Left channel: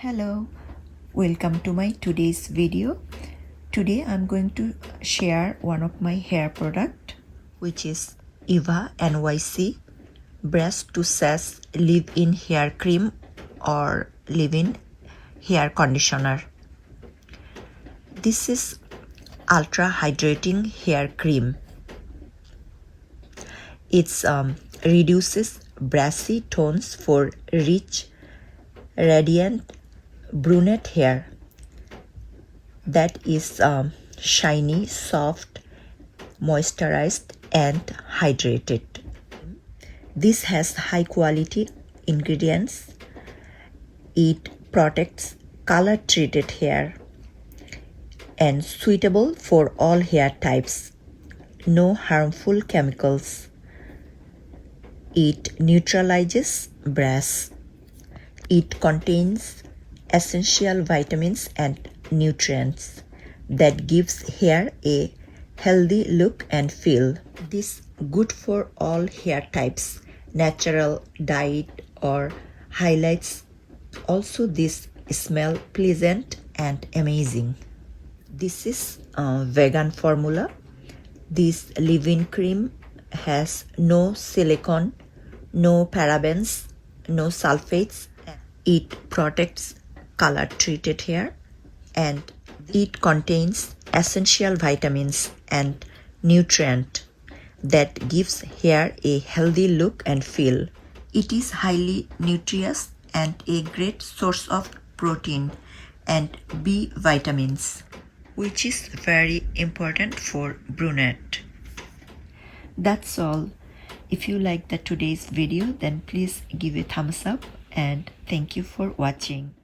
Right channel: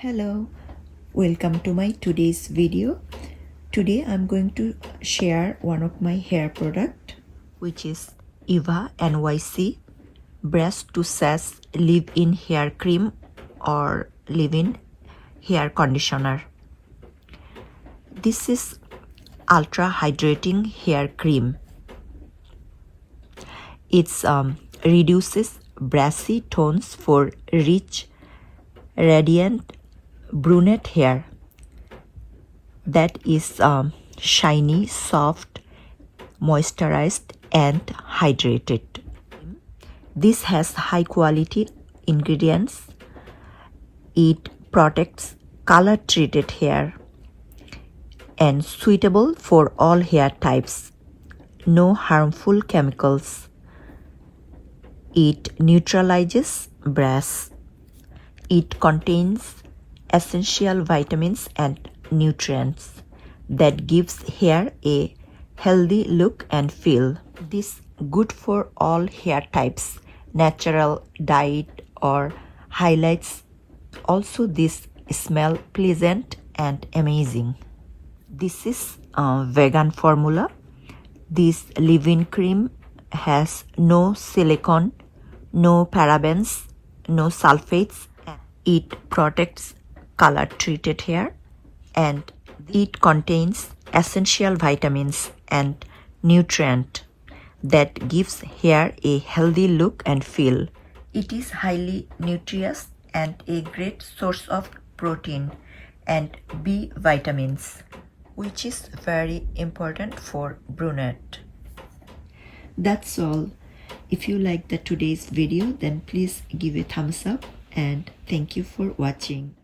Hello, welcome to my today's video. Today I'm going to share one of my hair product, which is Eva NYC Brass to Sass leave-in hair cream or leave-in hair conditioner. This is ultra hydrating hair cream. It reduces brassy tones for rich, radiant brunette hair that is shiny, soft, moisturized and hydrated. This has high quality ingredients. It protects color treated hair and suitable for all hair types. No harmful chemicals. It neutralizes brass. It contains essential vitamins and nutrients that gives hair a healthy look and feel. This good for all hair types, natural, dyed or highlights. Also this smell pleasant and amazing. This is a vegan formula. This leave-in cream has no silicone, no parabens, no sulfates. It protects color treated hair and it contains essential vitamins and nutrient that gives hair a healthy look and feel. It is highly nutritious and a great source of protein and B vitamins, which is very important for brunette. That's all. If you like today's video, then please give a thumbs up and thank you for watching.